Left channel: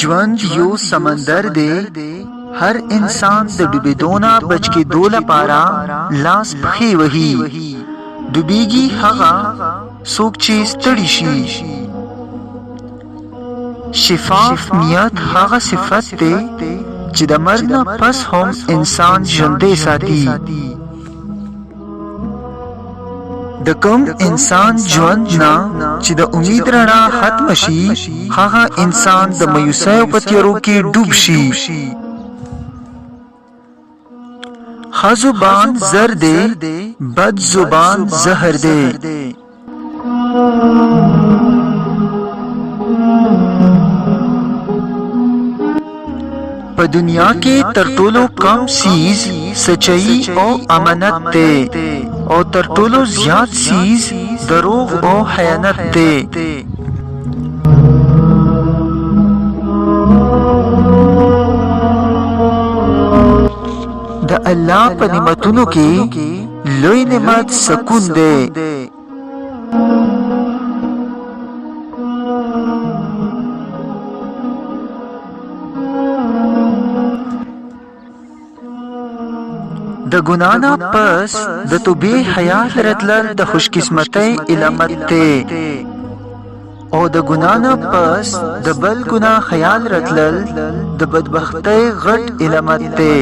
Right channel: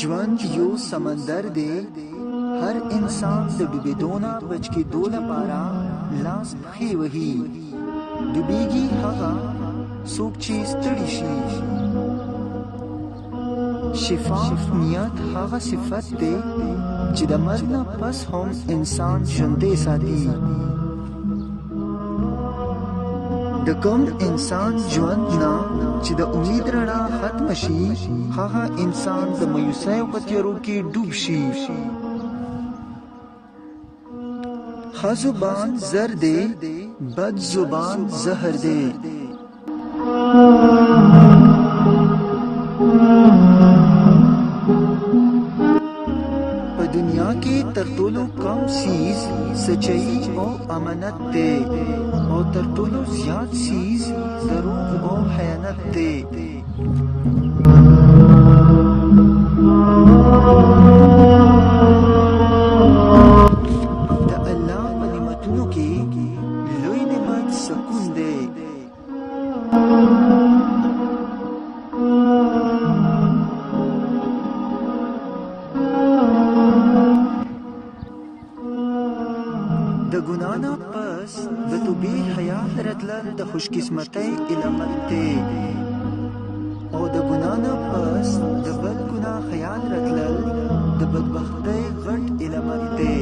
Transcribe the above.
ژوند یو سمندر دی، هر انسان د ډوبېدو نه بچ کېدو لپاره لاس پښې وهي. ډوبېږي هغه څوک چې ستړي شي. شفاف نیت هغه صفت دی چې د مرګ نه پس هم انسان ژوندی ساتي. د کوم انسان ژوند نه چې د امید رڼا ختم شي، هغه انسان د مایوسیو په تیارو کې ډوب شي. ښه زبان زر دی، بد زبان زهر دی. په دنیا کې تر ټولو کم سیز سچائی او امانت دی، او تر ټولو زیات سیز دروغ او خیانت دی. د الله په نعمتونو کې لوی نعمت سکون دی. د ګناه نه پس د توبې حیات راتلل د خوشقسمتۍ علامت دی، او د ګناه نه پس د بل ګناه خیال راتلل د بدبختۍ غټ علامت دی.